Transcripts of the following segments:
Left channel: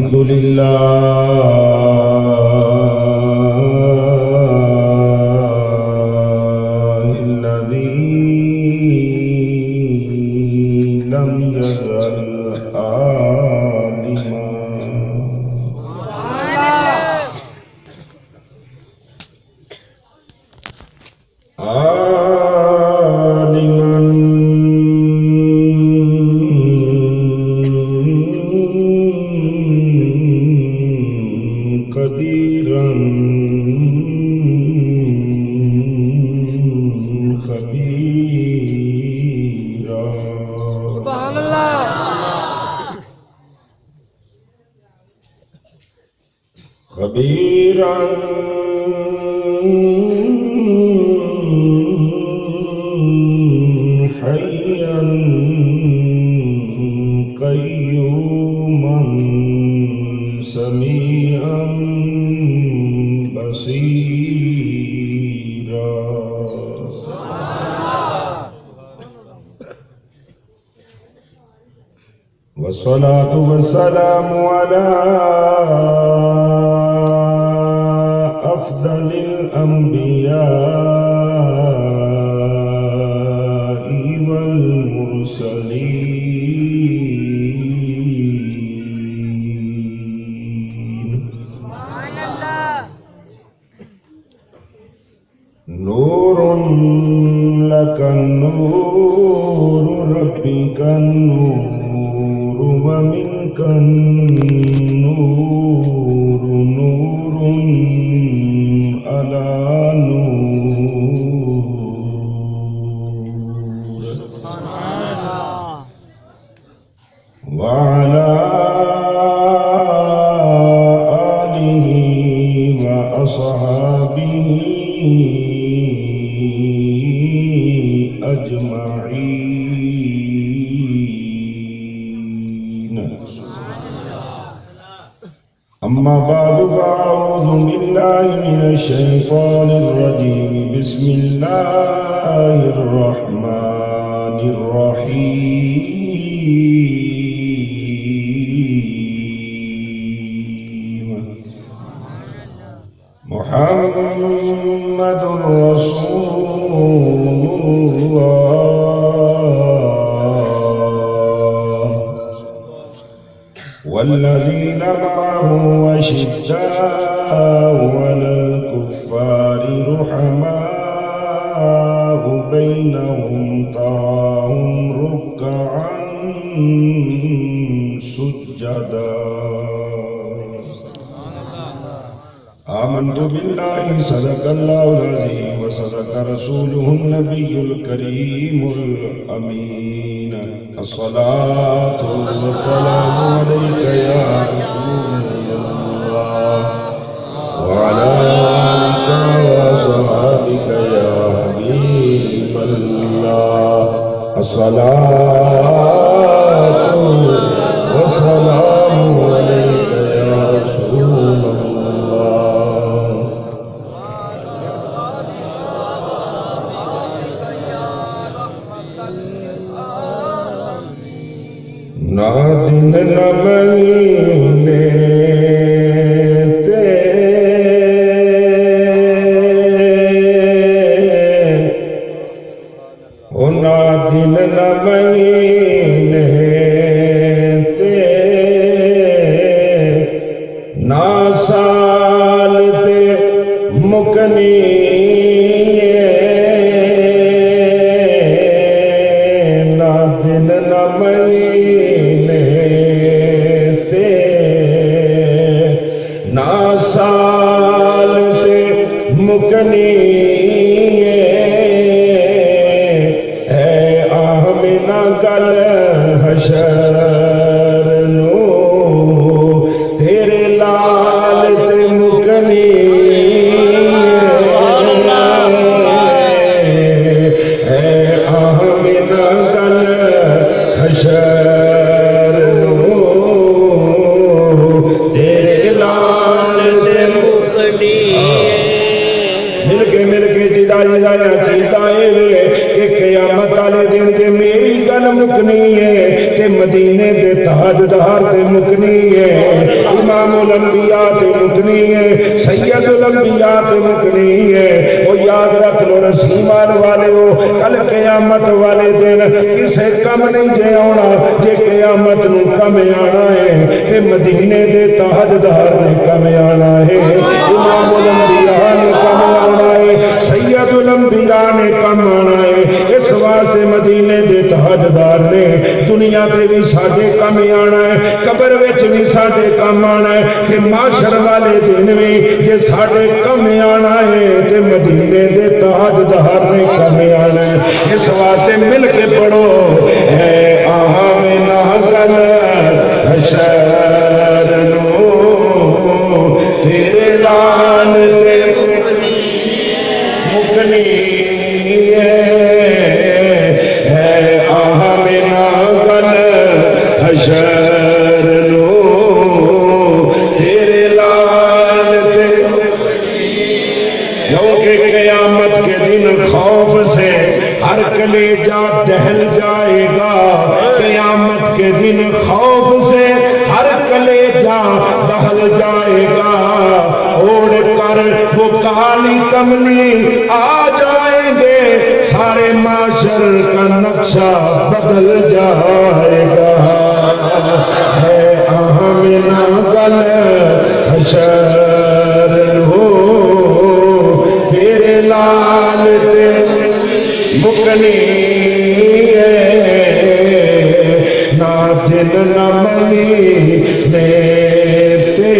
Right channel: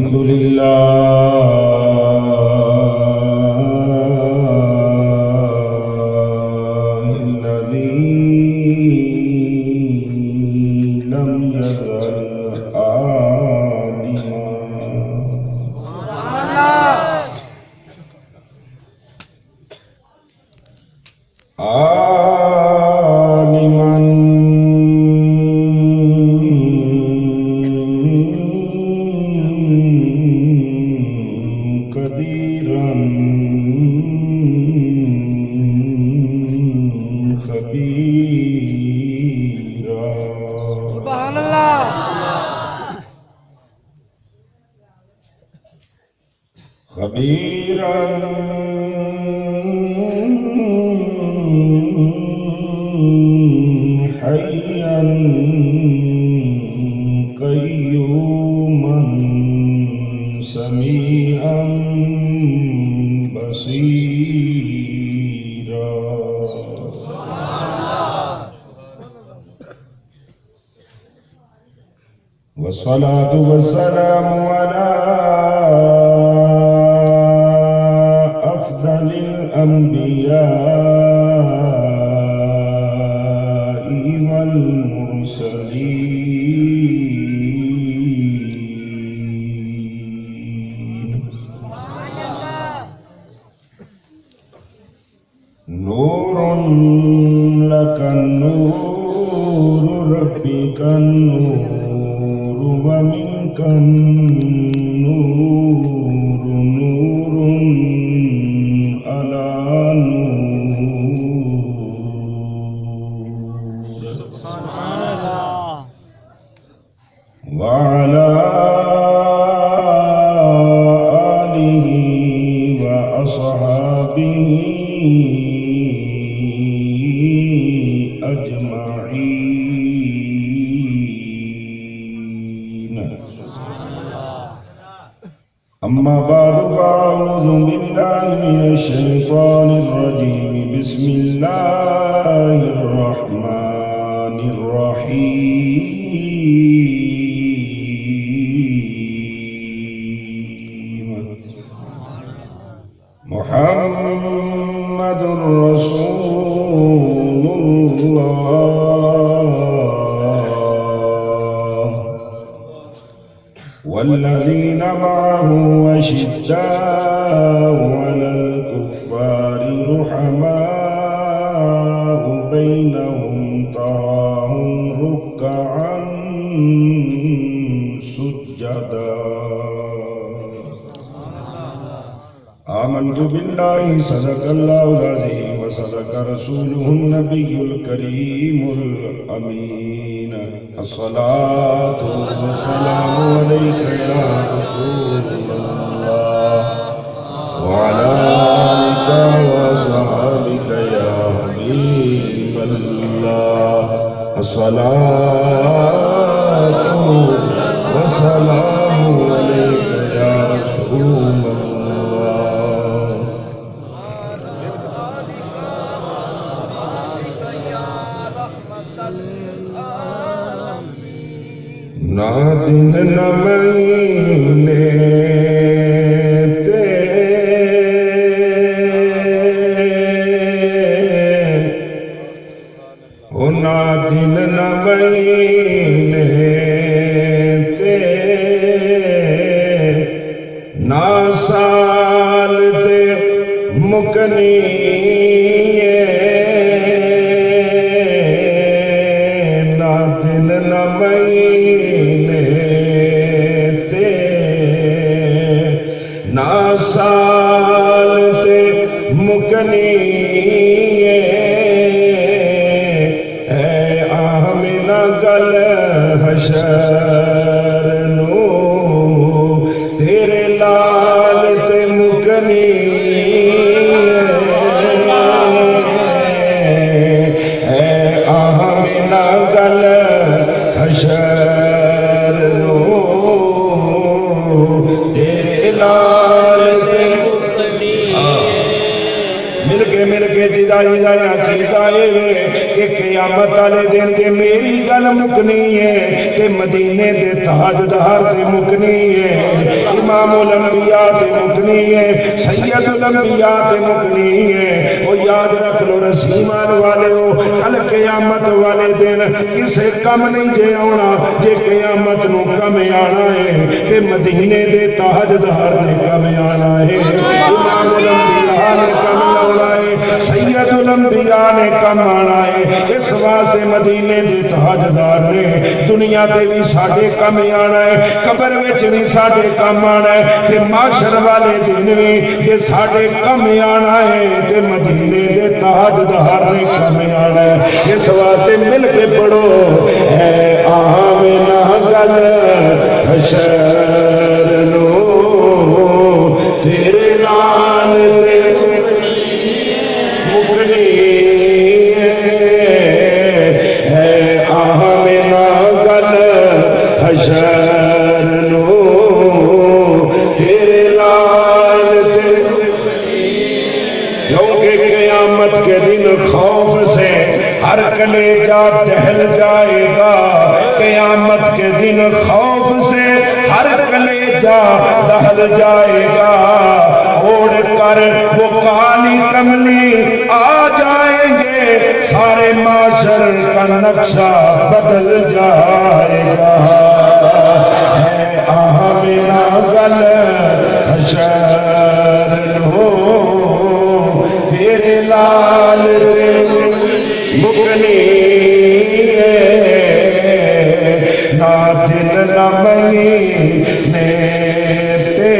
الحمد لله والصلاة والسلام على أفضل الأنبياء والمرسلين نور لك النور ربك النور ومنك النور نور على نور وعلى آله وأصحابه أجمعين. أما بعد فأعوذ بالله من الشيطان الرجيم. بسم الله الرحمن الرحيم. محمد رسول الله والذين معه أشداء على الكفار رحماء بينهم تراهم ركعا سجدا. آمنت بالله صدق الله العظيم وصدق رسوله النبي الكريم الأمين. الصلاة والسلام عليك يا رسول الله وعلى آلك وصحبك يا حبيب الله. الصلاة والسلام عليك يا رسول الله. نہ دن نہ مہینے نہ دن نہ مہینے نہ سال تے مکنی نہ دن نہ مہینے نہ سال تے مکنی گل حشر نو تیرے نال تے مکنی مل کے جدا کیتا ہے کہ قیامت والے دن تے میری گل مکنی ہے کہ مدینے دے تاجدار تے مکنی ہے امام الانبیاء تے مکنی ہے سید الانبیاء تے مکنی ہے وہ یاد رکھ لو رسیمان والے ہو کل قیامت والے دن کسے کم نہیں جے آنا جے قیامت نو کم آنا ہے کہ مدینے دے تاجدار نے کم آنا ہے امام الانبیاء نے کم آنا ہے سید الانبیاء نے کم آنا ہے اس واسطے مدینے دے تاجدار نے دنیا تے بھی ساڈے کم آنا ہے قبر وچ بھی ساڈے کم آنا ہے کہ معاشر والے دن بھی جے ساڈے کم آنا ہے تے مدینے دے تاجدار نے کم آنا ہے اس واسطے مل کے پڑھو اے آمنہ گل حشر نو تیرے لال تے مکنی حشر نو تیرے لال تے کیونکہ قیامت کے دن خوف سے ہر کلیجہ دہل جائے گا قیامت کے دن خوف سے ہر کلیجہ دہل جائے گا اوڑ کر وہ کالی کملی آ جائیں گے سارے معاشر کا نقشہ بدل جائے گا آمنہ گل حشر نو تیرے لال تے مکنی نہ دن نہ مہینے تے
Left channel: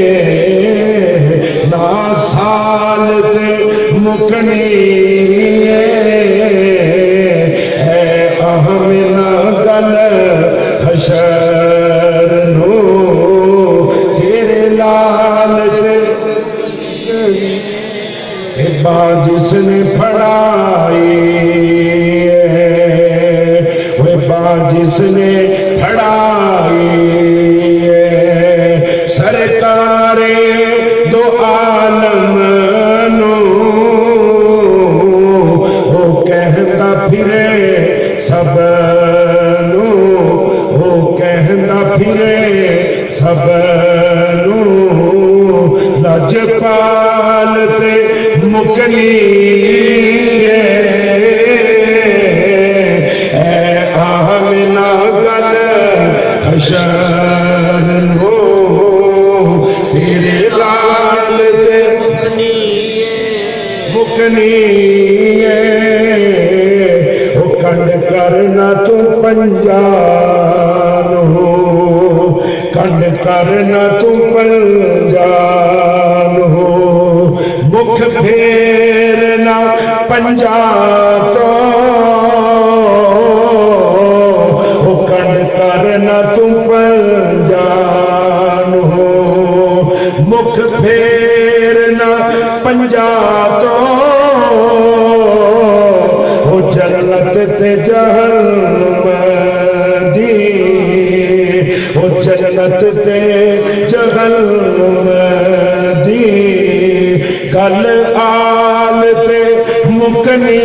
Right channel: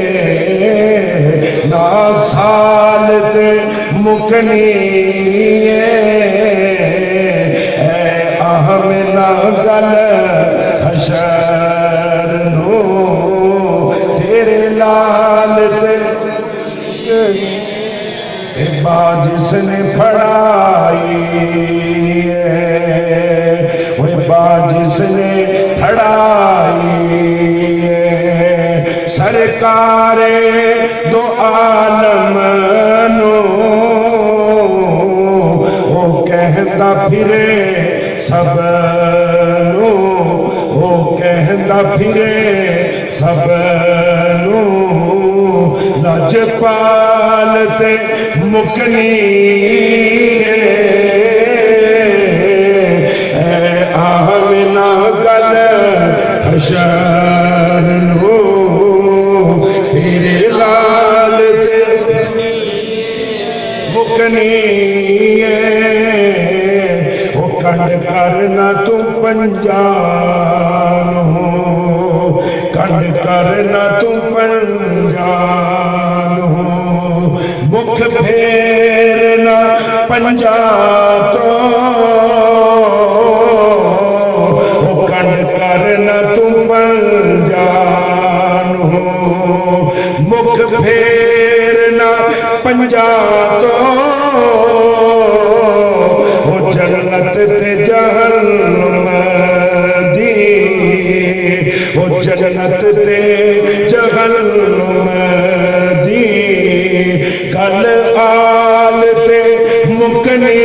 نہ سال تے مکنی آمنہ گل حشر نو تیرے لال تے با جس نے پڑھائی وہ با جس نے پڑھائی سرکار دو عالم نو وہ کہتا پھرے سب نو وہ کہتا پھرے سب نو لجپال تے مکنی اے آمنہ گل حشر نو تیرے لال تے مکنی وہ کنڈ کرنا تو پنجان ہو کنڈ کرنا تو پنجان ہو مکھ پھیرنا پنجا تو وہ کنڈ کرنا تو پنجان ہو مکھ پھیرنا پنجا تو وہ جنت تے جہنم دی وہ جنت تے جہنم دی گل آل تے مکنی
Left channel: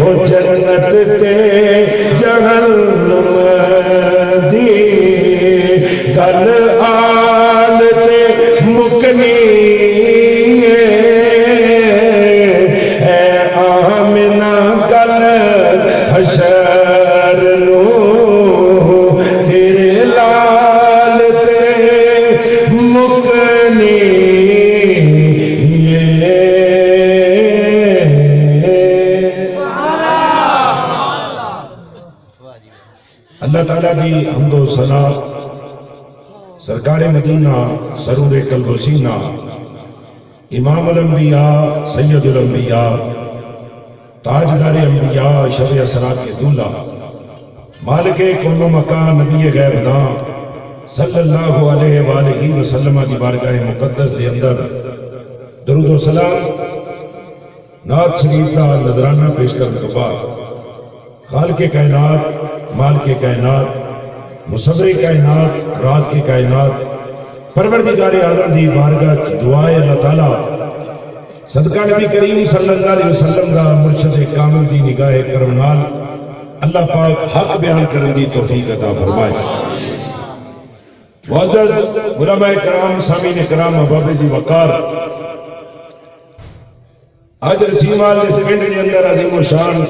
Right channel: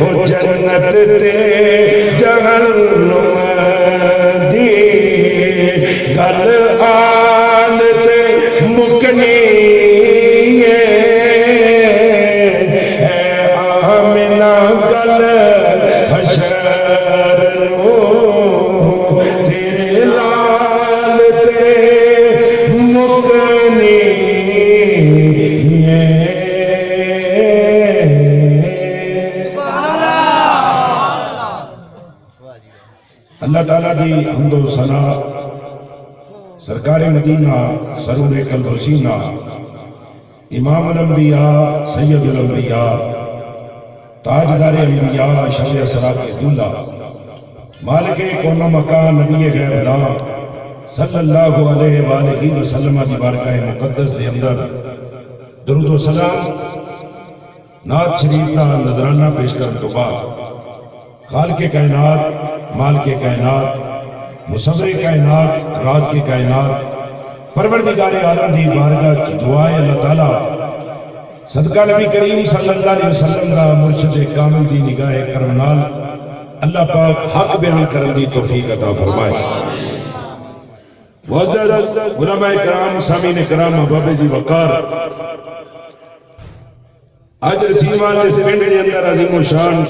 وہ جنت تے جہنم دی گل آل تے مکنی اے آمنہ گل حشر نو تیرے لال تے مکنی اللہ تعالیٰ دی حمد و ثنا سرکار مدینہ سرور قلب و سینہ امام الانبیاء سید الانبیاء تاجدار انبیاء شب اسراء کے دولہ مالک کون و مکان نبی غیب دان صلی اللہ علیہ وآلہ وسلم دی بارگاہ مقدس دے اندر درود و سلام نعت شریف کا نذرانہ پیش کرنے تو بعد خالق کائنات مالک کائنات مصور کائنات راز کی کائنات پروردگار عالم دی بارگاہ دعائے اللہ تعالیٰ صدقہ نبی کریم صلی اللہ علیہ وسلم دا مرشد کامل دی نگاہ کرم نال اللہ پاک حق بیان کرن دی توفیق عطا فرمائے۔ معزز علماء کرام، سامعین کرام، احباب جی وقار، آج رسیوان جس پنڈ کے اندر عظیم و شان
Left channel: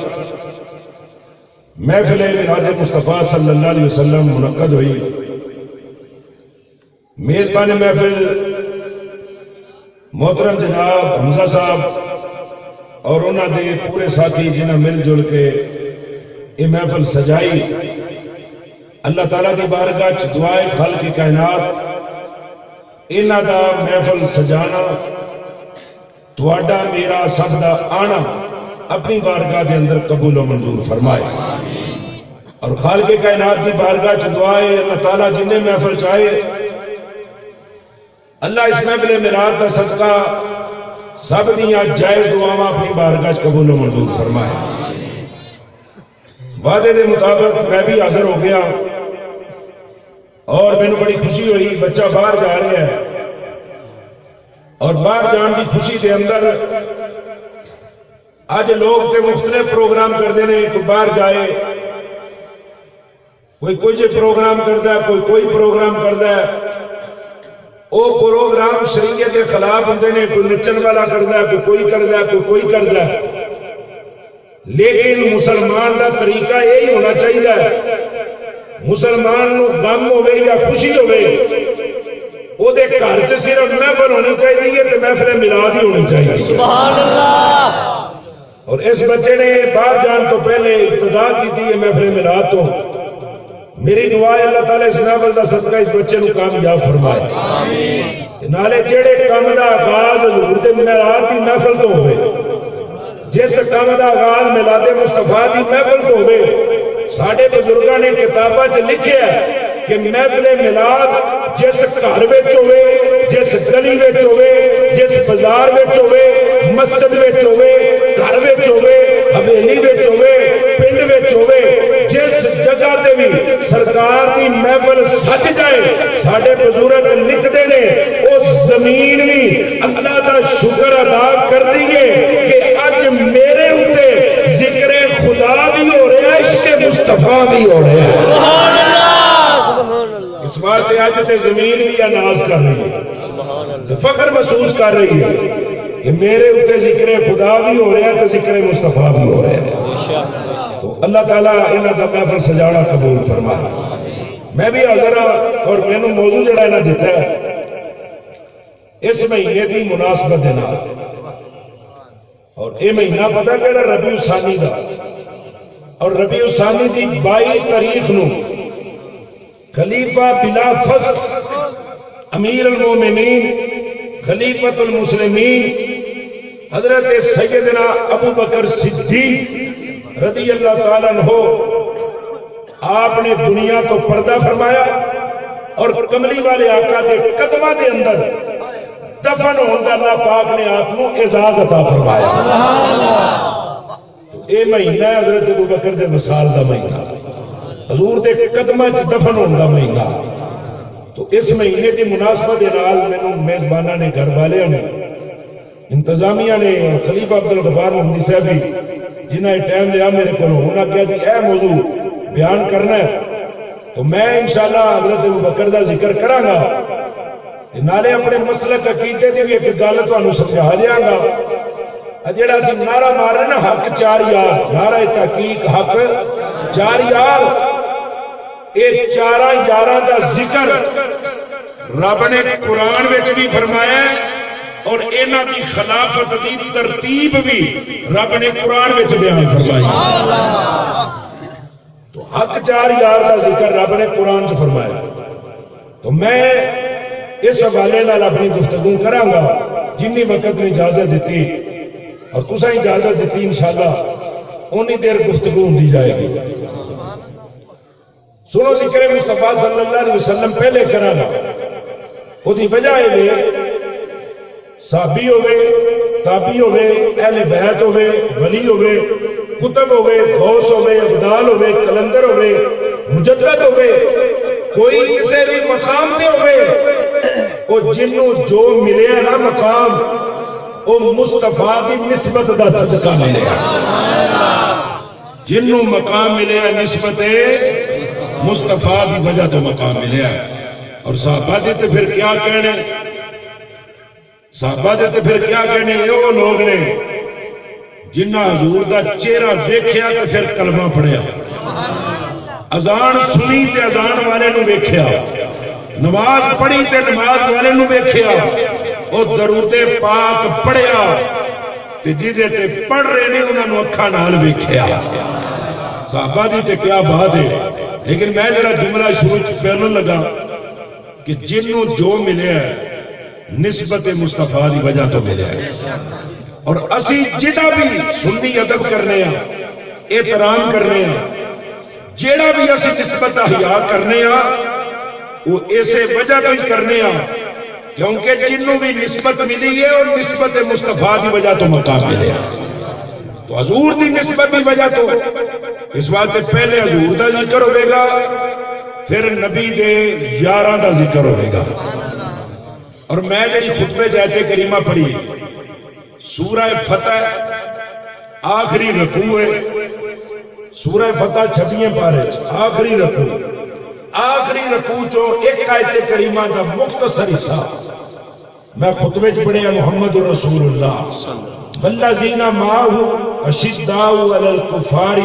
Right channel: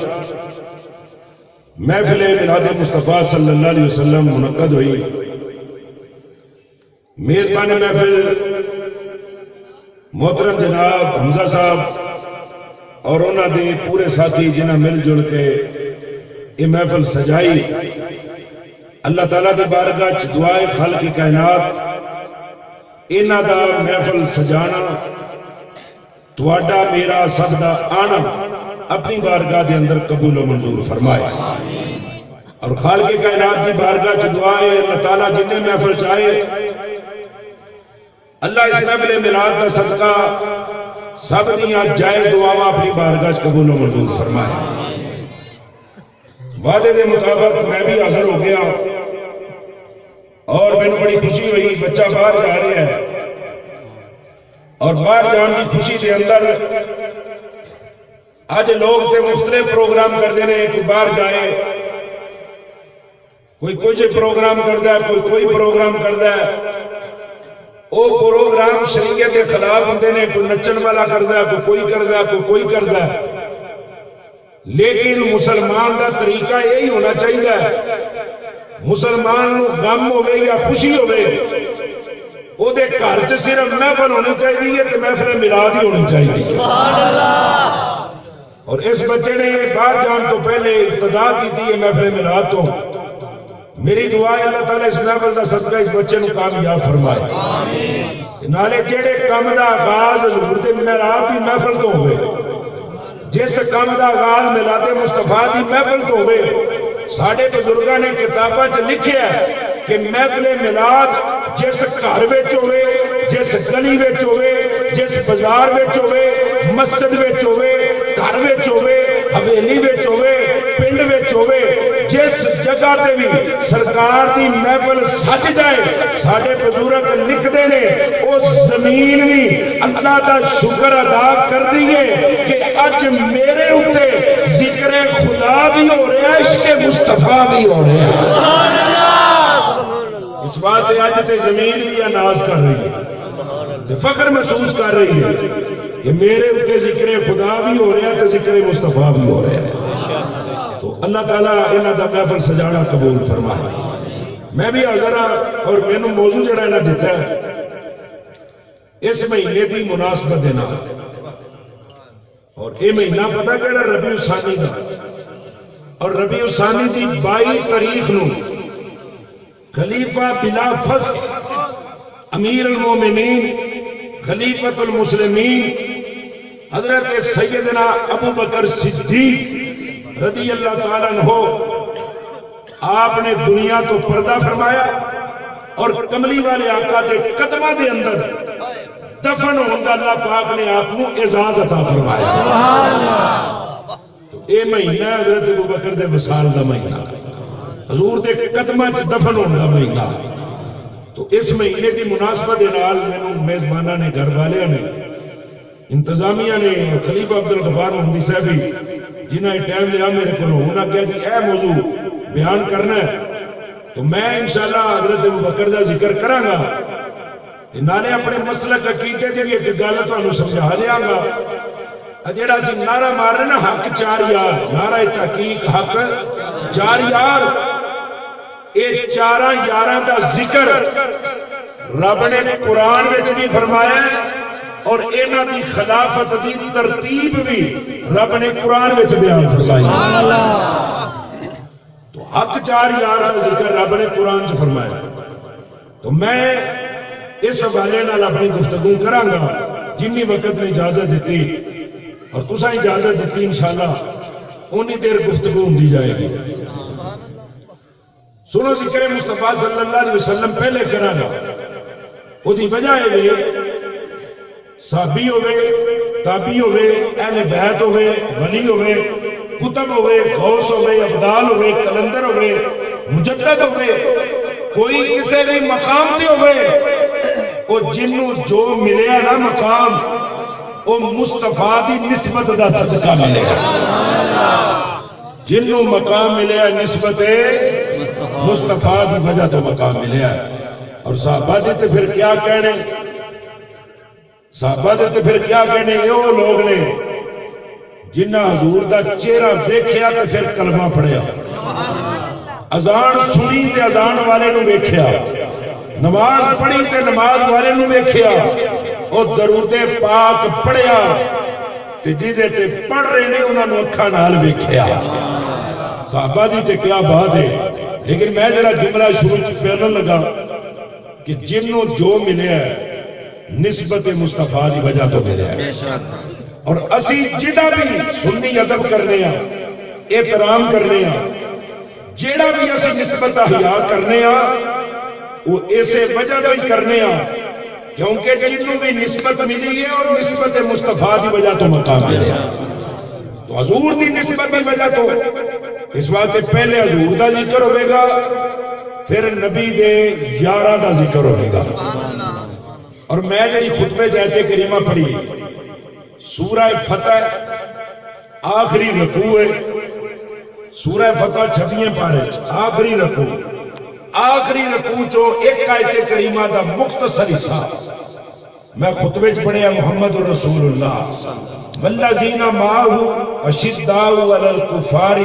محفل میلاد مصطفیٰ صلی اللہ علیہ وسلم منعقد ہوئی۔ میزبان محفل محترم جناب حمزہ صاحب اور انہوں دے پورے ساتھی جنہیں مل جل کے یہ محفل سجائی۔ اللہ تعالیٰ دی بارگاہ چ دعائے خالق کائنات انہاں دا محفل سجانا تواڈا میرا سب دا آنا اپنی بارگاہ دے اندر قبول و منظور فرمائے، اور خالق کائنات دی بارگاہ چ دعائے اللہ تعالیٰ جنہیں محفل چاہے اللہ اس محفل میلاد دا صدقہ سب دیاں جائز دعاواں اپنی بارگاہ چ قبول و منظور فرمائے۔ وعدے دے مطابق میں بھی حاضر ہو گیا اور میں نے بڑی خوشی ہوئی، بچہ باہر جا رہا ہے اور باہر جان کی خوشی دے اندر آج لوگ تے مختلف پروگرام کرتے ہیں، کوئی باہر جائے، کوئی پروگرام کرتا ہے، کوئی پروگرام کرتا ہے۔ وہ پروگرام شریعت کے خلاف ہوتے ہیں، کوئی نچن والا کرتا ہے، کوئی کرتا ہے، کوئی کرتا ہے، لیکن مسلمان دا طریقہ یہی ہونا چاہیے، مسلمان نو غم ہوئے یا خوشی ہوئے او دے گھر چ صرف محفل ہونی چاہیے تے محفل میلاد ہی ہونی چاہیے۔ سبحان اللہ۔ اور اس بچے نے باہر جان تو پہلے ابتدا کی تھی محفل میلاد تو، میری دعا ہے اللہ تعالیٰ اس محفل دا صدقہ اس بچے نو کامیاب فرمائے، نالے جڑے کام دا آغاز حضور دے میلاد دی محفل تو ہوئے، جس کام دا آغاز میلاد مصطفیٰ دی محفل تو ہوئے۔ ساڑھے بزرگاں نے کتاباں چ لکھیا کہ محفل میلاد جس گھر وچ ہوئے، جس گلی وچ ہوئے، جس بازار وچ ہوئے، مسجد وچ ہوئے، گھر وچ ہوئے، حویلی وچ ہوئے، پنڈ وچ ہوئے، جس جگہ تے بھی سرکار دی محفل سج جائے، ساڑھے بزرگ لکھتے نے اس زمین بھی اللہ دا شکر ادا کر دیئے کہ اج میرے اوتے ذکر خدا بھی ہو رہا ہے، عشق مصطفیٰ بھی ہو رہا ہے۔ اس بات سے آج تے زمین بھی ناز کر رہی ہے، فخر محسوس کر رہی ہے کہ میرے اوتے ذکر خدا بھی ہو رہا ہے تو ذکر مصطفیٰ بھی ہو رہا ہے۔ تو اللہ تعالیٰ انہاں دا محفل سجانا قبول فرمائے۔ میں بھی حاضر ہاں اور میں نے موضوع جڑا انہاں دیتا ہے اس مہینے دی مناسبت دے نال، اور یہ مہینہ پتہ کیڑا ربیع الثانی دا، اور ربیع الثانی دی 22 تاریخ نو خلیفہ بلا فصل امیر المومنین خلیفۃ المسلمین حضرت سیدنا ابو بکر صدیق رضی اللہ تعالیٰ عنہ آپ نے دنیا تو پردہ فرمایا اور کملی والے آقا کے قدمہ دے اندر دفن ہوندہ اللہ پاک نے آپ کو اعزاز عطا فرمایا۔ اے مہینہ حضرت ابو بکر دے وصال دا مہینہ، حضور دے قدمہ چ دفن ہوندہ مہینہ۔ تو اس مہینے کی مناسبت نال مینوں میزبانہ نے، گھر والے نے، انتظامیہ نے اور خلیفہ عبدالغفار محمدی صاحب جنہاں نے ٹائم لیا میرے کو، انہوں نے کہا کہ اے موضوع بیان کرنا ہے تو میں انشاءاللہ حضرت ابو بکر دا ذکر کراں گا، نالے اپنے مسلک عقیدے دی ایک گل تانوں سمجھا دیاں گا۔ جڑا سی نعرہ مار رہے نا حق چار یار، نعرہ تحقیق حق چار یار، اے چاراں یاراں دا ذکر رب نے قرآن وچ بھی فرمایا ہے اور انہاں دی خلافت دی ترتیب بھی رب نے قرآن وچ بیان فرمائی۔ تو حق چار یار دا ذکر رب نے قرآن وچ فرمایا۔ تو میں اس حوالے نال اپنی گفتگو کراں گا جنی وقت نے اجازت دیتی اور تساں اجازت دیتی انشاءاللہ اونی دیر گفتگو ہوندی جائے گی۔ سنو ذکر مصطفیٰ صلی اللہ علیہ وسلم پہلے کراں گا، وہ دی وجہ ہے صحابی ہوئے، تابعی ہوئے، اہل بیت ہوئے، ولی ہوئے، کتب ہوئے، غوث ہوئے، ابدال ہوئے، کلندر ہوئے، مجدد ہوئے، کوئی کسی بھی مقام تے ہوئے، وہ جنوں جو ملیا نا مقام وہ مصطفیٰ دی نسبت دا صدقہ ملیا. جنوں مقام ملیا نسبت مصطفیٰ دی وجہ تو مقام ملیا. اور صحابہ دے تے پھر کیا کہنے، صحابہ دے تے پھر کیا کہنے، یہ وہ لوگ نے جنہ حضور دا چہرہ ویکھیا تے پھر کلمہ پڑھیا، اذان سنی تے اذان والے نو ویکھیا، نماز پڑھی تے نماز والے نو ویکھیا، او درود پاک پڑھیا تے جدے تے پڑھ رہے نے انہاں نو اکھاں نال ویکھیا. صحابہ دی تے کیا بات ہے. لیکن میں جڑا جملہ شروع چ پہلوں لگا کہ جنوں جو ملیا ہے نسبت مصطفیٰ دی وجہ تو ملیا ہے. اور اسی جدا بھی سنی ادب کرنے ہاں، احترام کرنے ہاں، جیڑا بھی اسی نسبت احیا کرنے ہاں وہ اسے وجہ تو ہی کرنے ہاں کیونکہ جنوں بھی نسبت ملی ہے اور نسبت مصطفیٰ دی وجہ تو مقام ملے. تو حضور دی نسبت دی وجہ تو اس بات کے پہلے حضور دا ذکر ہوئے گا، پھر نبی دے یاراں دا ذکر ہوئے گا. اور میں جی خطبے جاتے کریمہ پڑھی سورہ فتح آخری رکوع ہے، سورہ فتح 26 پارے آخری رکوع، آخری رکوع چو ایک آیت کریمہ دا مختصر حصہ میں خطبے چ پڑھیا. محمد رسول اللہ والذین معہ اشداء علی الکفار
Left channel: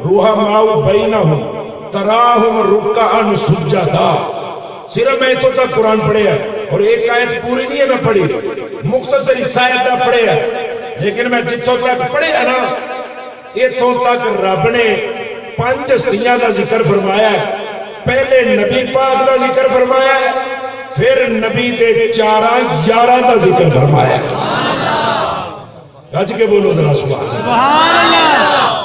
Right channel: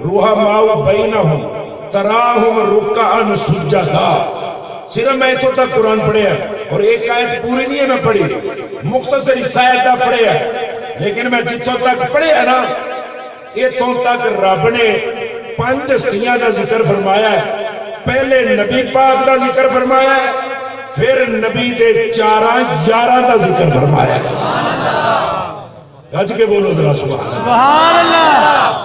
رحماء بینہم تراہم رکعا سجدا. صرف میں تو تک قرآن پڑھیا اور ایک آیت پوری نہیں ہے میں پڑھی، مختصر حصہ آیت پڑھیا، لیکن میں جتوں تک پڑھیا نا اتوں تک رب نے 5 ہستیاں دا ذکر فرمایا ہے. پہلے نبی پاک دا ذکر فرمایا ہے، پھر نبی دے 4 یاراں دا ذکر فرمایا ہے. گج کے بولو ذرا سبحان اللہ.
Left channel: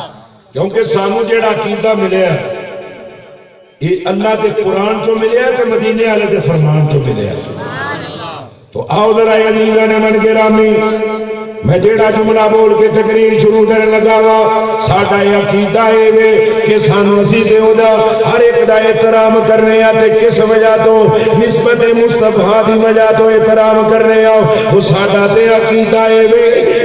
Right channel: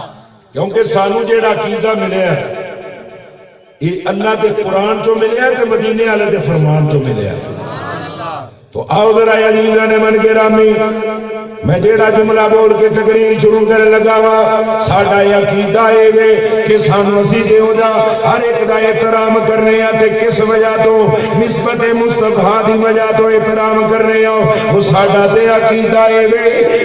کیونکہ سانو جیڑا عقیدہ ملیا ہے یہ اللہ دے قرآن چو ملیا ہے تے مدینے والے دے فرمان چو ملیا ہے. تو آؤ ذرا عزیزاں من گرامی میں جیڑا جملہ بول کے تقریر شروع کرنے لگا وا ساڈا یہ عقیدہ ہے کہ سانو اسی تے او دا ہر ایک دا احترام کرنے آ تے کس وجہ تو نسبت مصطفیٰ دی وجہ تو احترام کرنے آ. وہ ساڈا تے عقیدہ ہے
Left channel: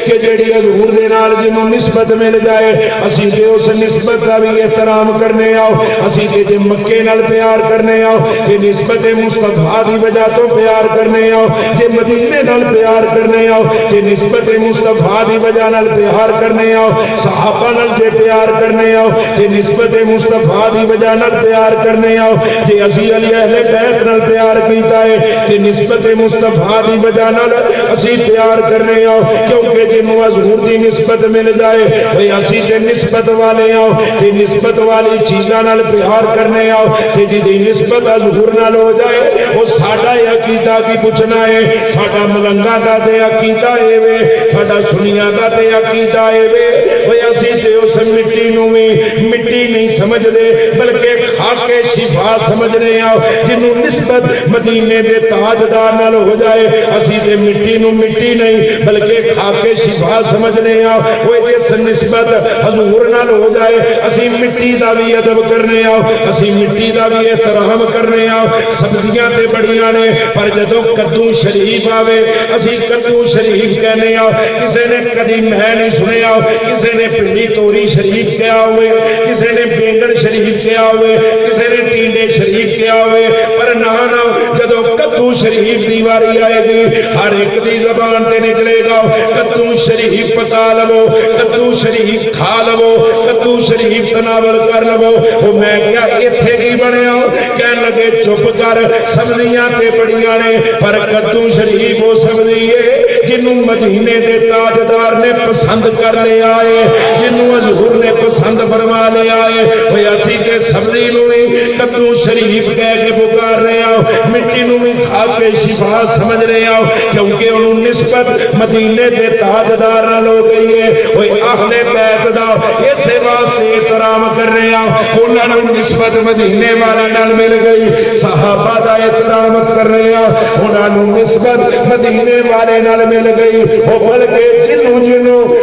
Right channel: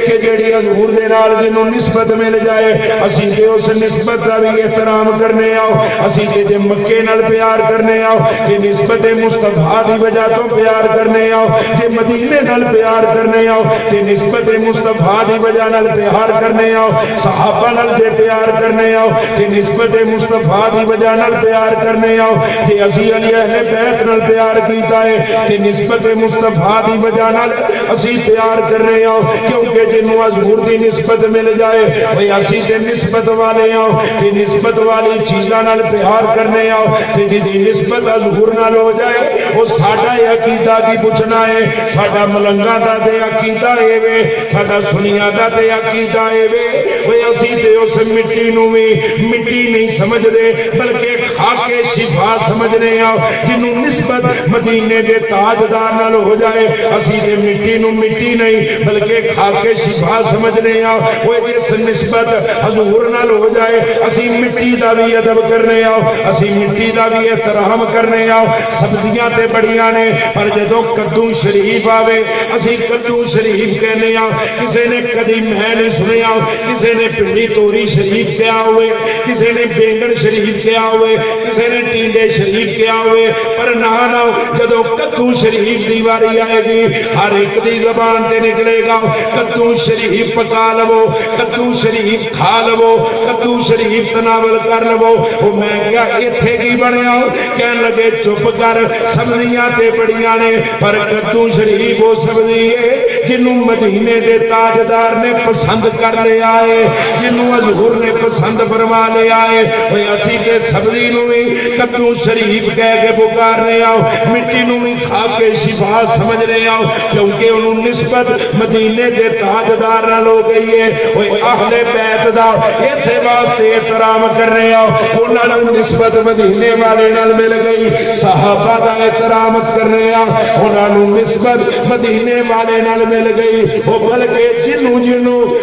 کہ جیڑی حضور دے نال جنوں نسبت مل جائے اسی تے اس نسبت دا بھی احترام کرنے آ. اسی تے جے مکے نال پیار کرنے آ تے نسبت مصطفیٰ دی وجہ تو پیار کرنے آ، جے مدینے نال پیار کرنے آ تے نسبت مصطفیٰ دی وجہ نال پیار کرنے آ، صحابہ نال جے پیار کرنے آ تے نسبت مصطفیٰ دی وجہ نال پیار کرنے آ. جے اسی علی اہل بیت نال پیار کیتا ہے تے نسبت مصطفیٰ دی وجہ نال اسی پیار کرنے آ. کیونکہ جنوں حضور دی نسبت مل جائے اوے اسی تے نسبت والے آ تے نسبت والی چیزاں نال پیار کرنے آ تے جدی نسبت حضور نال ہو جائے او ساڈا عقیدہ کی پوچھنا ہے. ساڈا ملنگا دا تے عقیدہ اے وے، ساڈا سنیاں دا تے عقیدہ اے وے اوے اسی تے اس مٹی نوں وی مٹی نہیں سمجھ دے بلکہ خاک شفا سمجھنے آ. جنوں نسبت مدینے دے تاجدار نال ہو جائے اسی تے مٹی نوں مٹی نہیں بلکہ خاک شفا سمجھنے آ. اوے جس نسبت حضور نال ہو جائے اسی مٹی دا بھی ادب کرنے آ، اسی مٹی دا بھی احترام کرنے آ. سبزیاں تے بڑیاں نے پر جدوں کدو شریف آوے اسی کدو شریف کہنے آ. کسے نے کدی میں نہیں سنیا کسے نے پنڈی توری شریف کیا ہوئے، کسے نے بینگن شریف کیا ہوئے، کسے نے ٹینڈے شریف کیا ہوئے، پر نہ جدو کدو شریف دی واری آئے گی ہر ایک دی زبان تے نکلے گا کدو شریف پکا لو، کدو شریف کھا لو، کدو شریف تناول کر لو. وہ میں کیا ایتھے کی بنیا کہنے لگے چپ کر سبزیاں تے بڑیاں نے پر کدو شریف وہ سبزی ہے جنوں مدینے دے تاجدار نے پسند کر لے آئے، جنوں حضور نے پسند فرما لے آئے. وہ اسی کے سبزی نو بھی کدو شریف کہہ کے پکارنے آؤ، مٹی نو بھی کھا کے شفا سمجھنے آؤ کیونکہ انہوں نسبت مدینے دے تاجدار نال ہو گئی ہے. وہ اہل بیت دا اسے واسطے احترام کرنے آؤ، انہاں نوں نسبت مدینے والے نال مل گئی. صحابہ دا احترام کرنے آؤ، انہاں نوں نسبت مدینے والے نال مل گئی. وہ بلکہ جنوں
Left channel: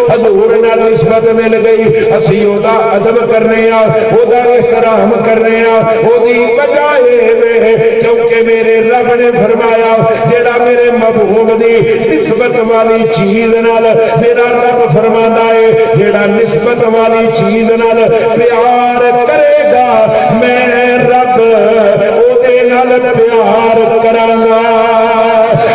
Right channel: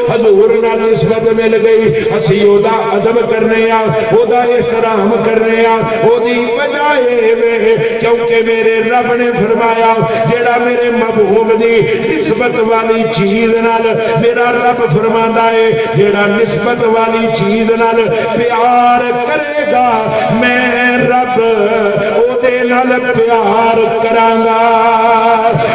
حضور نال نسبت مل گئی اسی او دا ادب کرنے آ، او دا احترام کرنے آ. او دی وجہ اے کیونکہ کہ میرے رب نے فرمایا جڑا میرے محبوب دی نسبت والی چیز نال میرا رب فرماندا ہے جڑا نسبت والی چیز نال پیار کرے گا میں رب او دے نال پیار کراں گا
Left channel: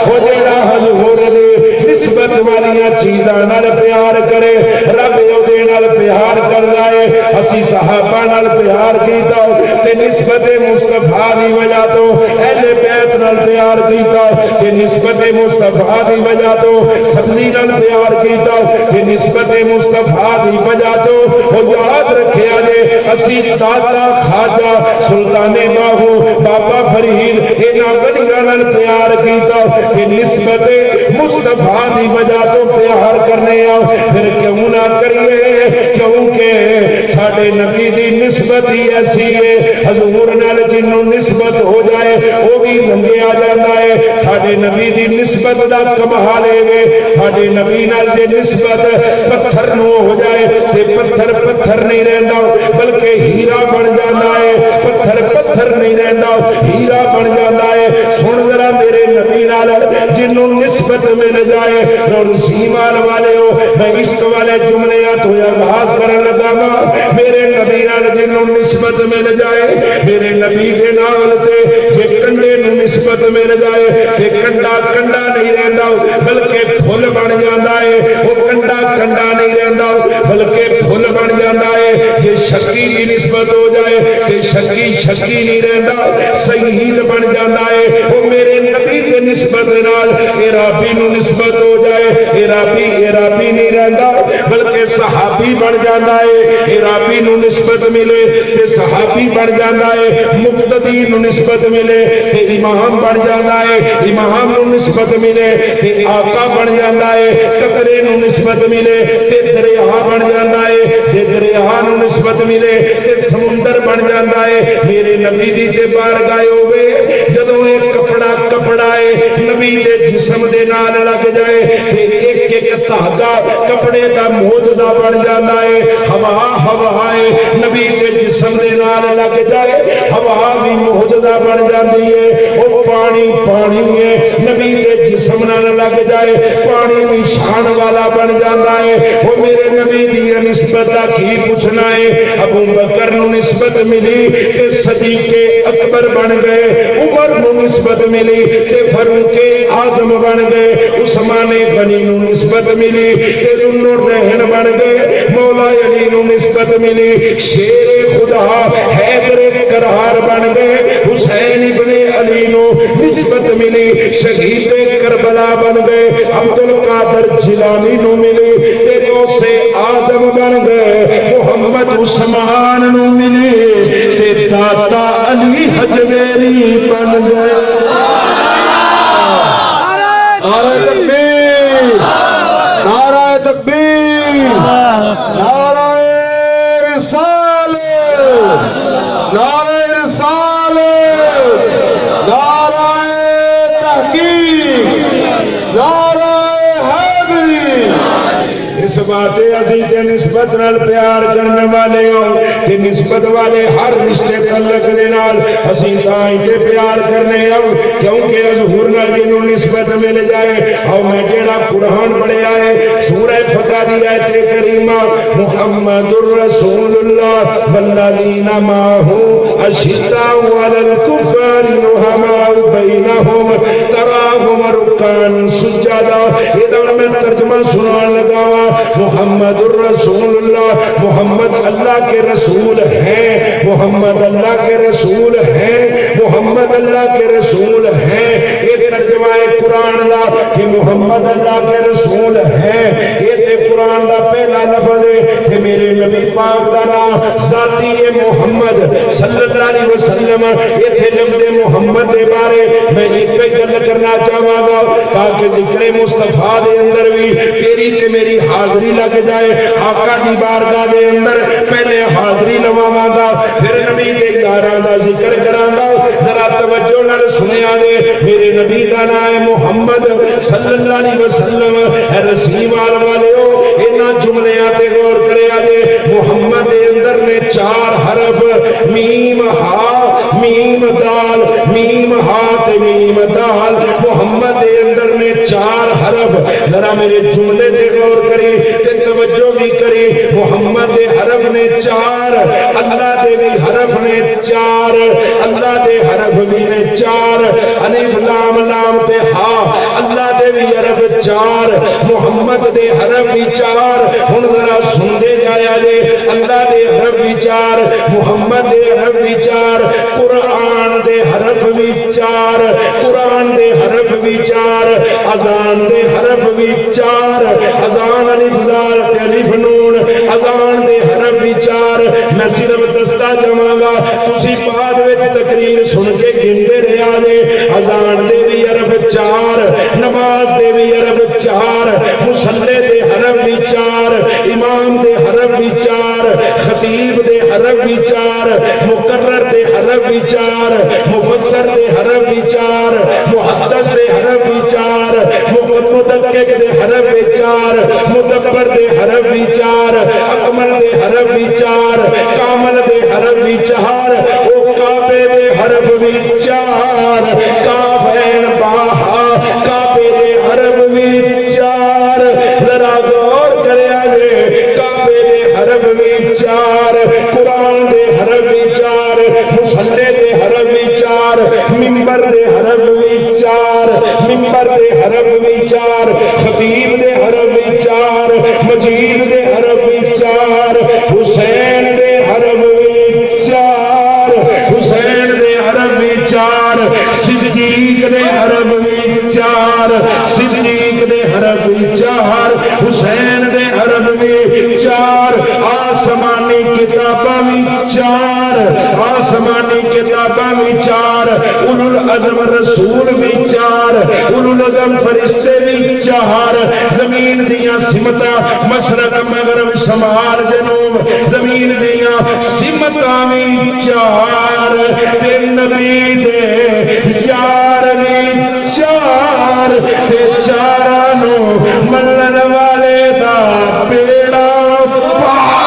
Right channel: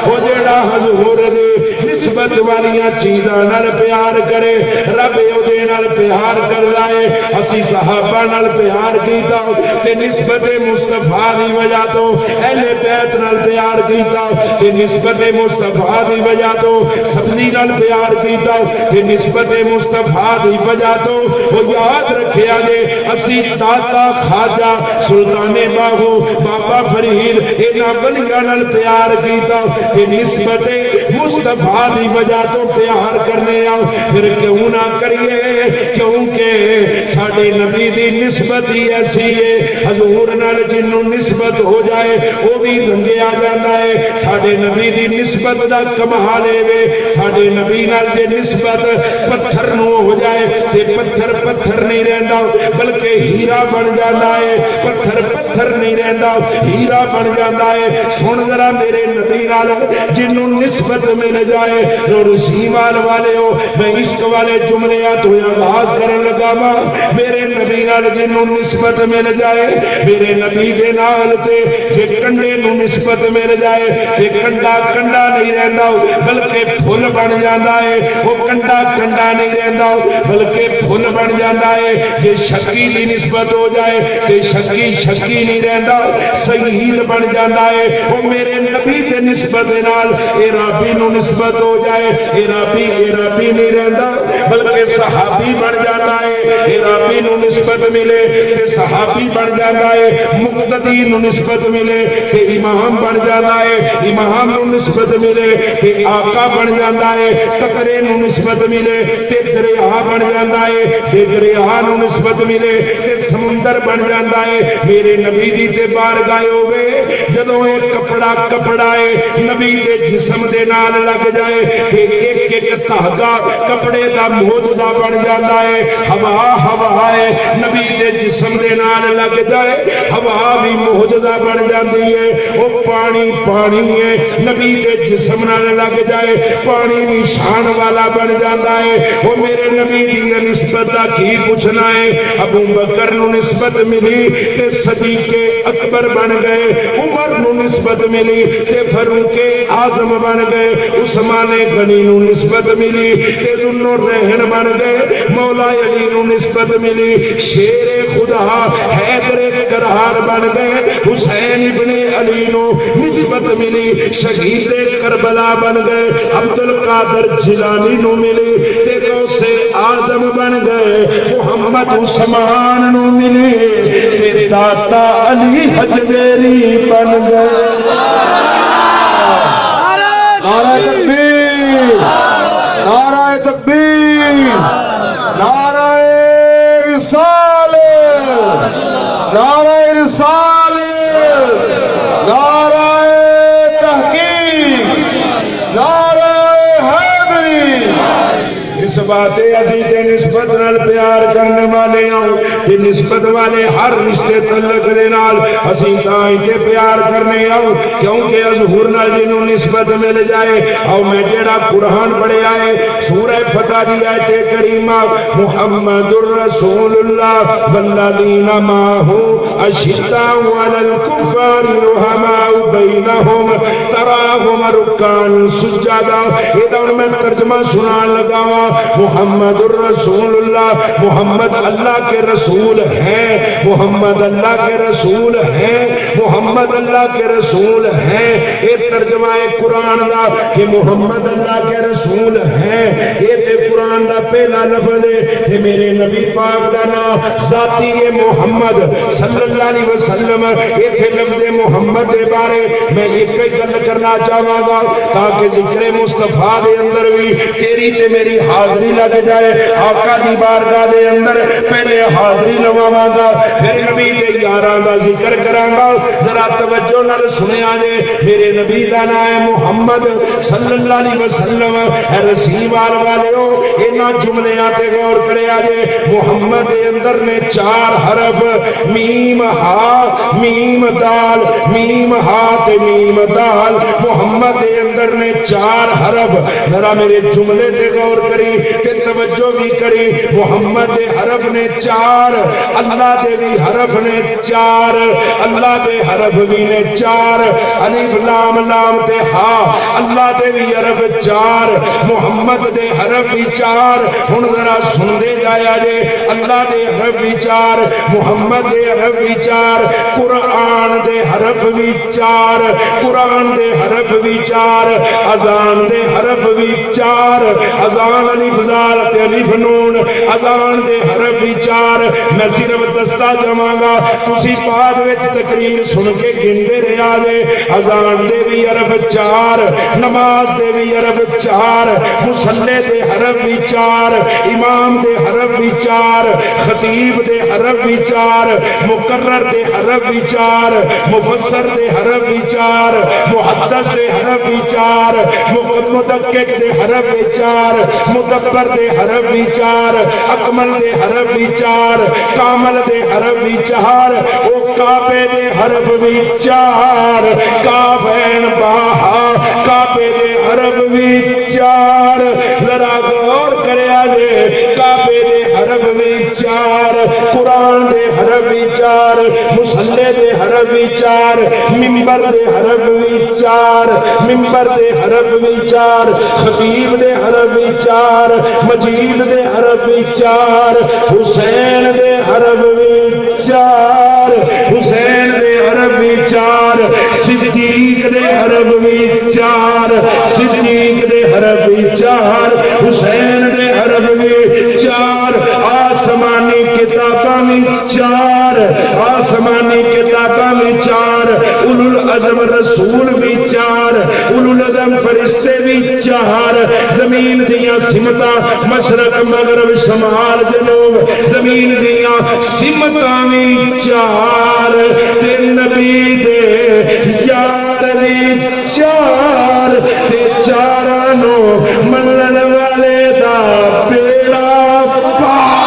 او جڑا حضور دی نسبت والی چیزاں نال پیار کرے رب او دے نال پیار کردا ہے اسی صحابہ نال پیار کیتا تے نسبت مصطفیٰ دی وجہ تو اہل بیت نال پیار کیتا تے نسبت مصطفیٰ دی وجہ تو سبزی نال پیار کیتا تے نسبت مصطفیٰ دی وجہ تو او یاد رکھیا جے اسی داتا خواجہ سلطان باہو بابا فرید انہاں ولیاں نال پیار کیتا تے نسبت مصطفیٰ دی وجہ تو پیار کرنے آؤ پھر کیوں نہ کریے کیونکہ ساڈے نبی دی نسبت ہی ایسی ہے حضور نال جنوں نسبت ہو جائے وہ بھی رنگیا جاتا ہے ساڈے نبی دی نسبت دا کمال ہے ساڈے نبی نال جے نسبت پتھر نو ہو جائے تے پتھر پتھر نہیں رہندا بلکہ ہیرا بن جاتا ہے پتھر پتھر نہیں رہندا ہیرا بن جاتا ہے سن ذرا میرے نبی نال جنوں نسبت مل جائے اور سیمال والے ہو میں عشق والے جملے تو آغاز کرن لگا میرے نبی نال جنوں نسبت مل جائے میرے نبی دے نال تے جے کنڈے نو نسبت مل جائے تے کنڈا کنڈا نہیں رہندا بلکہ پھل بن جاندا ہے وہ کنڈا کنڈا نہیں رہندا بلکہ پھل بن جاندا ہے جے شکی دی نسبت ہو جائے تے شکی شکی نہیں رہندا شہید بن جاندا ہے وہ میرے نبی دے نسبت نال عرابی نو نسبت ہو جائے عرابی نہیں رہندا بلکہ صحابی بن جاندا ہے عرابی نو نسبت ملے تے صحابی بن جاندا ہے مقتدی نو نسبت ملے تے امام بن جاندا ہے امام نو نسبت ملے تے آقا بن جاندا ہے قطرے نو نسبت ملے تے دریا بن جاندا ہے تے دریا نو نسبت ملے تے سمندر بن جاندا ہے میرے نبی دی تے بارگاہ ہوے جدوں اے کپڑا ہے نبی دے جسم دے نال لگ جائے تے ایک ایک دھاگا کپڑے دا معجزہ بن جاندا ہے ہوا ہے نبی دے جسم دے نال لگ جائے ہوا بھی معجزہ بن جاندی ہے او پانی ہے نبی دے جسم نال لگ جائے پانی بھی شان والا بن جاندا ہے او میرے نبی دی نسبت دا کی پوچھنا ہے ابو بکر نو نسبت ملی تے صدیق اکبر بن گئے عمر نو نسبت ملی تے فاروق اعظم بن گئے عثمان غنی نو نسبت ملی تے ذوالنورین بن گئے مولا علی نو نسبت ملی شیر خدا حیدر کرار بن گئے حسین ابن علی نو نسبت ملی شہید کربلا بن گئے عبد القادر جیلانی نو ملی تے غوث اعظم بن گئے محمد عثمان نو ملی تے داتا علی حجویری بن گئے نعرہ تکبیر نعرہ تکبیر نعرہ رسالت نعرہ رسالت نعرہ تحقیق نعرہ حیدری اس بات اسی تے نسبت نال پیار کرنے والے ہوں تے نسبت والے ہر رشتے تعلق دے نال اسی تاں تے پیار کرنے ہوں کیونکہ حضور نال جنوں نسبت مل جائے او میں جڑا قرآن پڑھیا ہے سورہ فتح دی آیت کریمہ محمد الرسول اللہ والذین معہ اشداء علی الکفار رحماء بینہم تراہم رکعا سجدا یہ میں ترجمہ سنان لگا ہوں محمد الرسول اللہ محمد اللہ کے رسول ہے محمد اللہ کے رسول ہے محمد اللہ کے رسول ہے یہ ترجمہ قرآن دا کہ محمد اللہ کے رسول ہے یہ قرآن دا پہلا لفظ ہے کہ میرے نبی پاک دا نام ذاتی محمد صلی اللہ علیہ وسلم یہ تھے لفظ محمد دے بارے میں ایک گل کرنا چاہوں گا تاکہ ذکر مصطفیٰ دے اندر بھی تیری تے میری حاضری لگ جائے آقا دی بارگاہ دے اندر پہلے حاضری لواواں گا پھر نبی دے یاراں دا ذکر کراں گا ذرا توجہ نال سنیا جے میرے نبی دا نام ہے محمد صلی اللہ علیہ وسلم اے رسیوار والےو انہاں جملیاں تے غور کریا جے محمد دے اندر نے 4 حرف میم ہا میم دال میم ہا تے میم دال محمد دے اندر نے 4 حرف ذرا میرے جملے تے غور کری تے توجہ بھی کری محمد دے حرف نے 4 اللہ دے بھی حرف نے 4 اللہ دے حرف بھی نے 4 الف لام لام تے ہا اللہ دے بھی حرف 4 محمد دے حرف بھی 4 ہن ذرا سن دے جایا جے اللہ دے حرف بھی 4 محمد دے حرف بھی 4 قرآن دے حرف بھی 4 قرآن دے حرف بھی 4 اذان دے حرف بھی 4 اذان الف زال تے الف نون اذان دے حرف بھی 4 میں صرف دستہ جماں گا تسی بعد وچ تقریر سن کے گندے رہا جے اذان دے بھی حرف 4 نماز دے بھی حرف 4 مصلی دے حرف بھی 4 امام دے حرف بھی 4 خطیب دے حرف بھی 4 مقرر دے حرف بھی 4 مفسر دے حرف بھی 4 محدث دے حرف بھی 4 مدقق دے حرف بھی 4 مدبر دے حرف بھی 4 اکمل دے حرف بھی 4 کامل دے حرف بھی 4 او کعبے دے حرف بھی 4 کاف عین با ہا کعبے دے حرف بھی 4 ذرا غور کریا جے کعبے دے حرف بھی 4 قرآن دے حرف بھی 4 مصلی دے حرف بھی 4 منبر دے حرف بھی 4 منبر دے حرف بھی 4 خطیب دے حرف بھی 4 مجید دے حرف بھی 4 حسین دے حرف بھی 4 حسین دے حرف بھی 4 صدیق دے حرف بھی 4 صدیق دے حرف بھی 4 حسین دے حرف بھی 4 آسمانی کتاباں بھی 4 آسمانی کتاباں بھی 4 اولو العزم رسول بھی 4 اولو العزم فرشتے بھی 4 زمین دیاں سمتاں مشرق مغرب شمال جنوب زمین دیاں سمتاں بھی 4 تے نبی دے یار بھی 4 تے چاراں نو منن والے دا بیڑا پار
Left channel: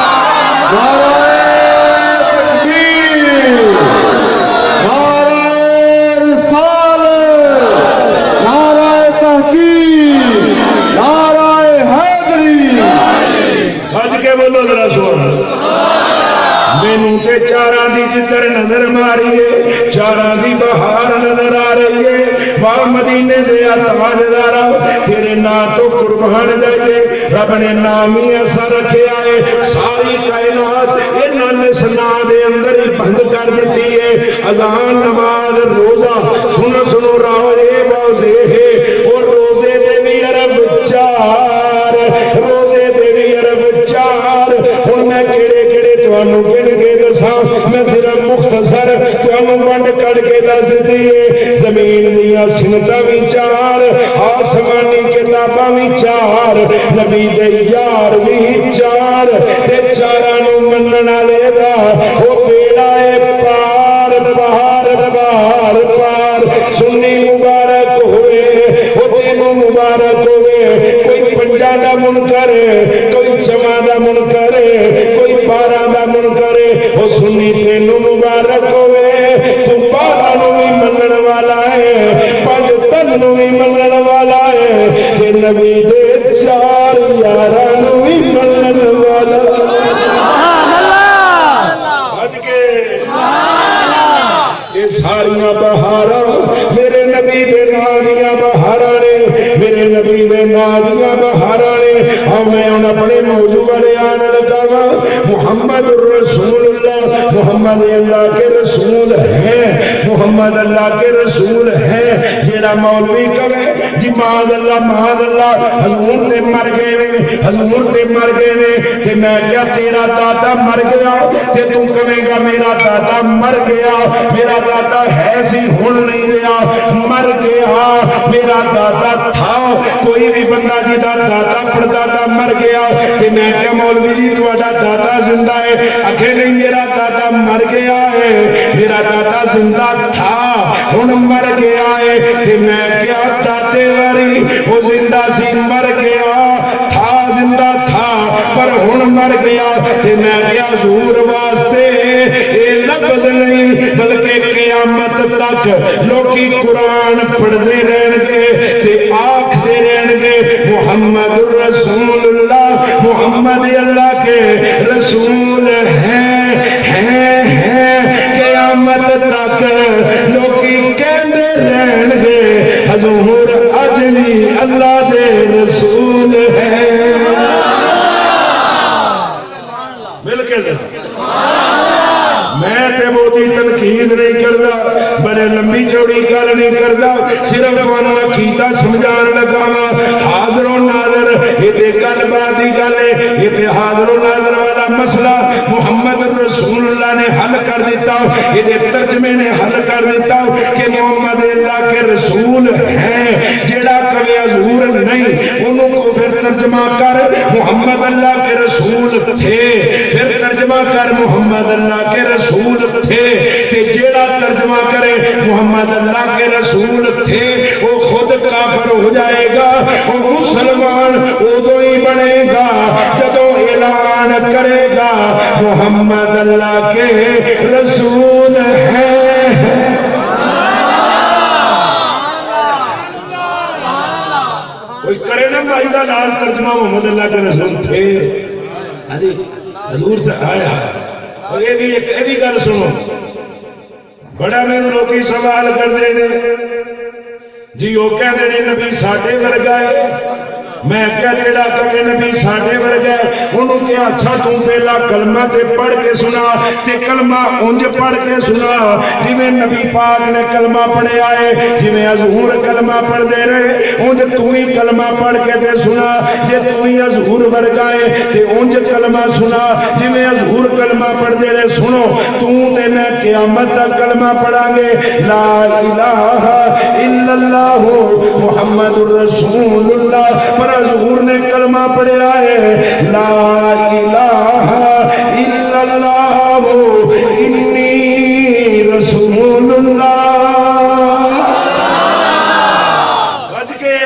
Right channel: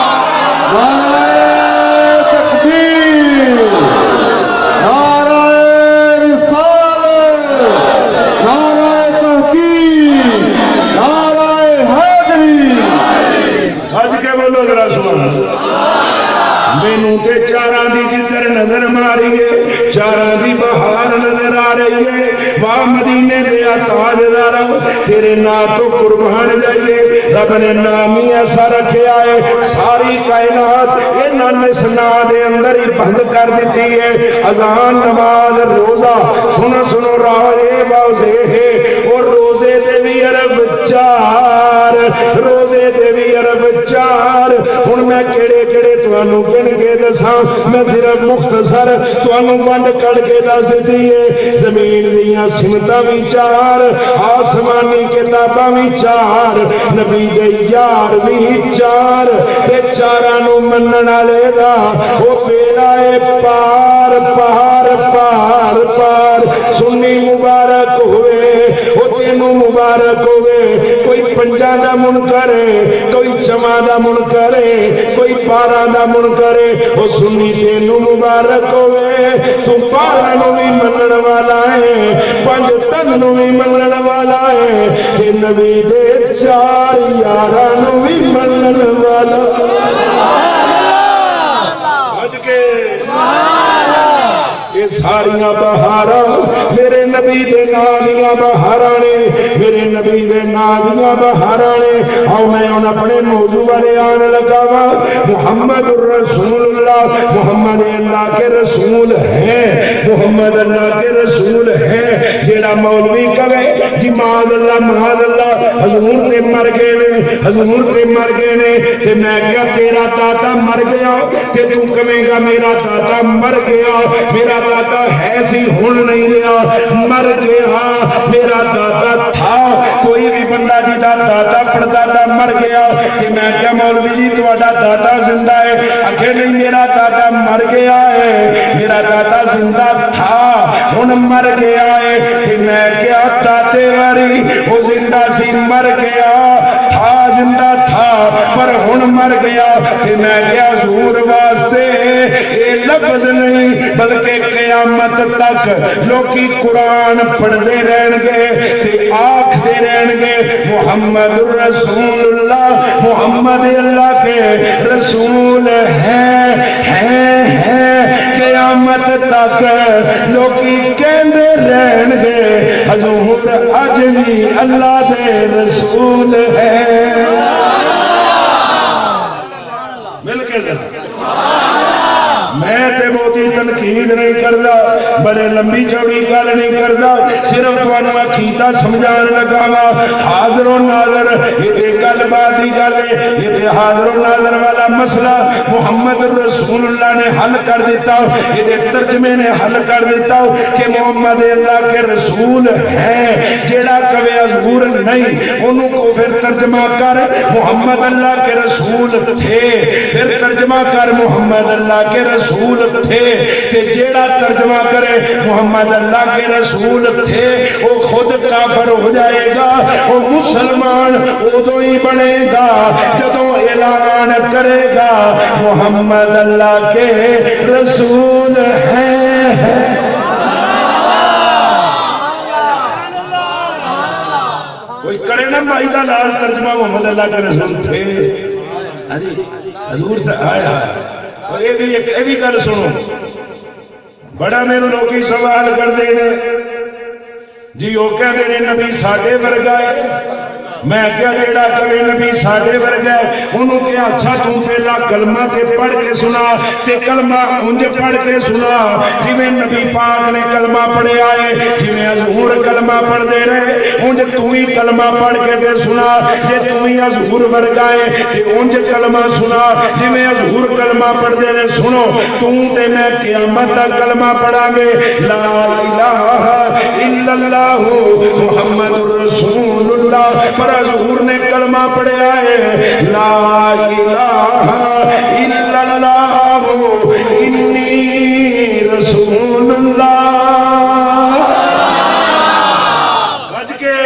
مینوں تے چاراں دی جدر نظر ماریے چاراں دی بہار نظر آ رہی ہے واہ مدینے دے تاجدارا تیرے نام تو قربان جائیے رب نے نام ہی ایسا رکھیا ہے ساری کائنات انہوں نے سنا دے اندر ہی بند کر دیتی ہے اذان نماز روزہ سنو سنو راہ واضح ہے اور روزے دے بھی عرب 4 روزے دے بھی عرب 4 ہن میں کیڑے کیڑے تانوں گن کے دساں میں صرف مختصر تانوں ونڈ کڈ کے دس دتی ہے زمین دیاں سمتاں بھی 4 آسمانی کتاباں بھی 4 نبی دے یار بھی 4 تے چاراں نو منن والے دا او بیڑا اے پار پار پار پار سنی مبارک ہوئے او تینوں مبارک ہوئے کوئی پنجا دا منکر کوئی جمع دا منکر کوئی 12 دا منکر او سنی تینوں مبارک ہوئے تو 12 نو بھی منن والا ہے 5 تن نو بھی منن والا ہے تے نبی دے 4 یاراں نو بھی منن والا اج کے یہ ساریاں بہاراں میرے نبی دے نام دیاں بہاراں نے میرے نبی دے نام دیاں بہاراں نے ہاں میں ان اپنے موضوع والے آن لگا وا محمد رسول اللہ محمد اللہ کے رسول ہے محمد اللہ کے رسول ہے جیڑا مولوی کہے جی معاذ اللہ حضور تے مر گئے نے تے میں کیا تیرا دادا مر گیا تے تو کہے گا میرا دادا مر گیا میرا دادا ہے سی ہن نہیں رہا مر گیا میرا دادا تھا کوئی بھی بندہ جی دا دادا پردادا مر گیا کہ میں کیا مولوی جی تہاڈا دادا زندہ ہے اکھے نہیں میرا دادا مر گیا ہے میرا دادا زندہ تھا ہن مر گیا ہے کہ میں کیا دادے واری وہ زندہ سی مر گیا تھا زندہ تک لوکی قرآن پڑھتے رہن گے تے آکھتے رہن گے محمد رسول اللہ، محمد اللہ کے رسول ہیں قیامت تک لوکی کہندے رہن گے حضور اج بھی اللہ دے رسول ہے۔ مل کے میں تے موتی تنقید نہیں کردا، بڑے لمبی چوڑی گل نہیں کردا، صرف تمہوں عقیدہ سمجھان لگا وا۔ حاضر و ناظر یہ تے گل بات دی گل ہے، یہ تے حاضر و ناظر والا مسئلہ محمد رسول اللہ نے حل کر دیتا، یہ تے ترجمے نے حل کر دیتا کہ محمد اللہ کے رسول ہیں۔ جیڑا کہے حضور نہیں انہوں کو پھر ترجمہ کر محمد اللہ کے رسول تھے، پھر ترجمہ کر محمد اللہ کے رسول تھے، کہ جیڑا ترجمہ کرے محمد اللہ کے رسول تھے وہ خود کافر ہو جائے گا، وہ مسلمان ادو ہی بنے گا جدو اعلان کرے گا محمد اللہ کے رسول ہیں۔ کوئی کرے نا بھائی دا لال ترجمہ محمد اللہ کے رسول تھے، حضور سے آیا۔ اور یہ بھی گل سنو، بڑا میرے لوگ سوال کرتے ہیں جی وہ کہتے ہیں نبی ساڈے ورگا ہے، میں کیا جیڑا کہے نبی ساڈے ورگا ہے انہوں کیا اچھا تم پہلا کلمہ تے پڑھ کے سنا تے کلمہ انج پڑھ کے سنا جویں نبی پاک نے کلمہ پڑھیا ہے، جویں حضور کلمہ پڑھ دے رہے انج تو ہی کلمہ پڑھ کے تے سنا، جے تو ہی حضور ورگا ہے تے انج کلمہ سنا جویں حضور کلمہ پڑھ دے رہے۔ سنو تو تے میں قیامت تک کلمہ پڑھا گے لا الہ الا اللہ محمد رسول اللہ، پر حضور نے کلمہ پڑھیا ہے لا الہ الا اللہ انی رسول اللہ۔ گج کے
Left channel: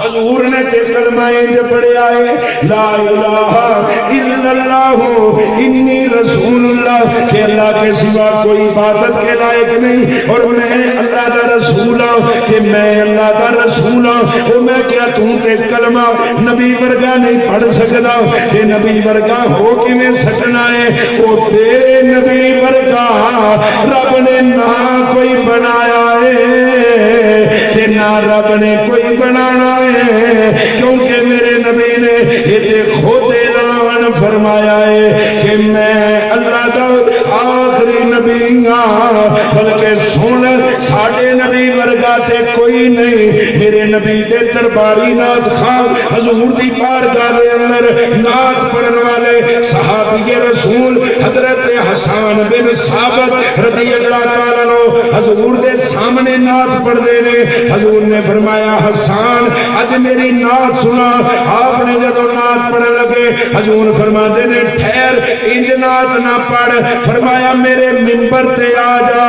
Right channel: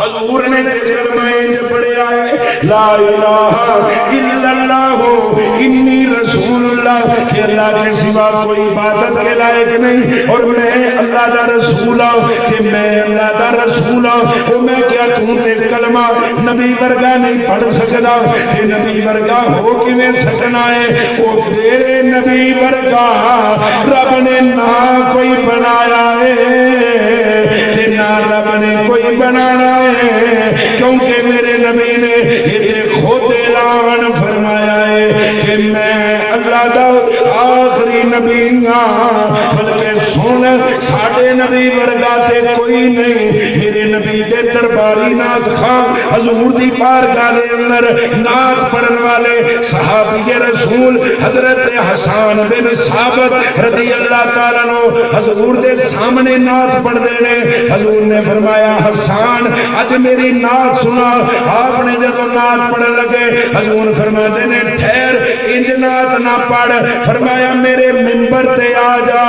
حضور نے کلمہ انج پڑھیا ہے لا الہ الا اللہ انی رسول اللہ، کہ اللہ کے سوا کوئی عبادت کے لائق نہیں اور میں اللہ دا رسول ہوں، کہ میں اللہ دا رسول ہوں۔ وہ میں کیا تم تے کلمہ نبی ورگا نہیں پڑھ سکتا، کہ نبی ورگا ہو کیویں سکنا ہے؟ وہ تیرے نبی ورگا رب نے نہ کوئی بنایا ہے کہ نہ رب نے کوئی بنانا ہے، کیونکہ میرے نبی نے یہ خود اعلان فرمایا ہے کہ میں اللہ دا آخری نبی ہاں، بلکہ سن ساڈے نبی ورگا تے کوئی نہیں۔ میرے نبی دے درباری نعت خواں حضور دی بارگاہ دے اندر نعت پڑھن والے صحابی رسول حضرت حسان بن ثابت رضی اللہ تعالیٰ عنہ حضور دے سامنے نعت پڑھ دے نے۔ حضور نے فرمایا حسان اج میری نعت سنا۔ آپ نے جدو نعت پڑھن لگے حضور فرماتے نے ٹھہر انج نعت نہ پڑھ، فرمایا میرے منبر تے آ جا،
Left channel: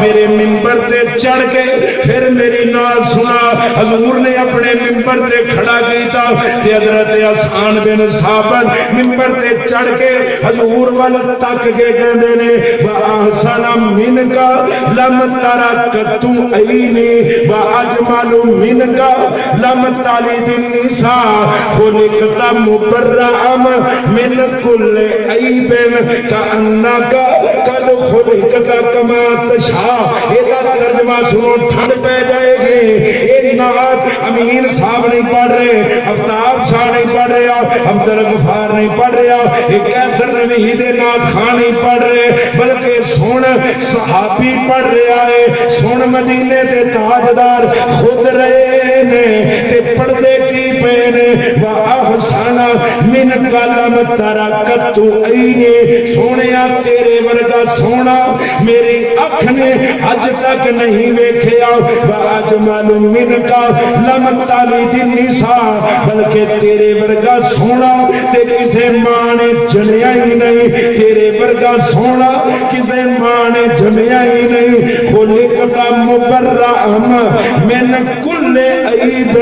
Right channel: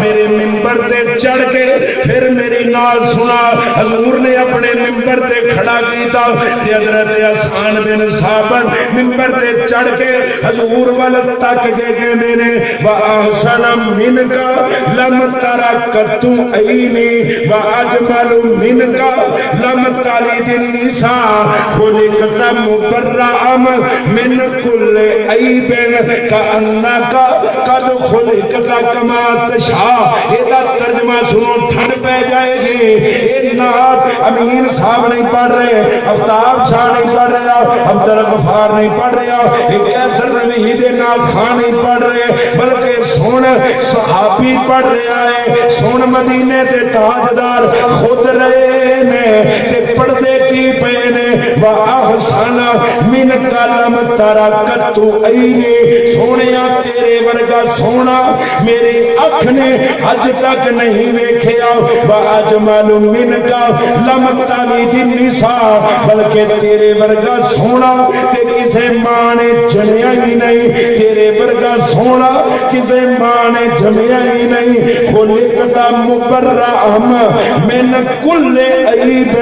میرے منبر تے چڑھ کے پھر میری نعت سنا۔ حضور نے اپنے منبر تے کھڑا کیتا تے حضرت حسان بن ثابت منبر تے چڑھ کے حضور وال تک کے کہندے نے واحسن منک لم ترکت عینی واجمل منک لم تلد النساء خلقت مبرأ من كل عیب کأنک قد خلقت کما تشاء۔ یہ ترجمہ سنو ٹھنڈ پہ جائے گی۔ یہ نعت امیر صاحب نہیں پڑھ رہے، آفتاب شاہ نہیں پڑھ رہے، عبدالغفار نہیں پڑھ رہے، ایک کیسر نبی دے نعت خان نہیں پڑھ رہے، بلکہ سن صحابی پڑھ رہا ہے، سن مدینے تے تاجدار خود رہے نے تے پڑھ دے کی پے نے واحسن من کلم ترکت عینے، سونیا تیرے ورگا سونا میری اکھ نے اج تک نہیں ویکھیا، واجمل منک لم تلد النساء، بلکہ تیرے ورگا سونا تے کسے ماں نے جنیا ہی نہیں، تیرے ورگا سونا کسے ماں نے جمیا ہی نہیں۔ خلقت مبرأ من کل عیب،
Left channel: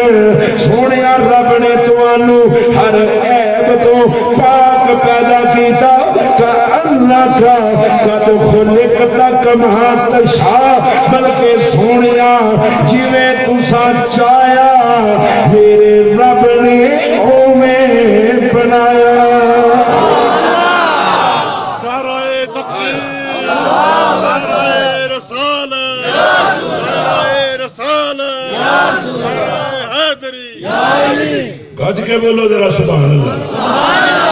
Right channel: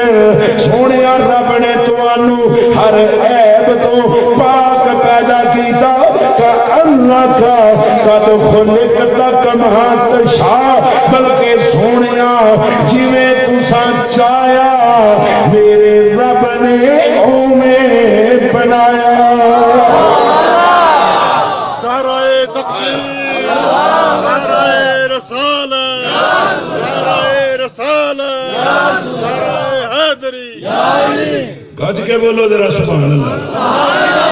سونیا رب نے تانوں ہر عیب تو پاک پیدا کیتا، کأن کا قد خلقت کما تشاء بلکہ سونیا جویں تساں چاہیا میرے رب نے اوویں بنایا نعرہ تکبیر نعرہ رسالت نعرہ رسالت نعرہ حیدری گج کے بولو ذرا سبحان اللہ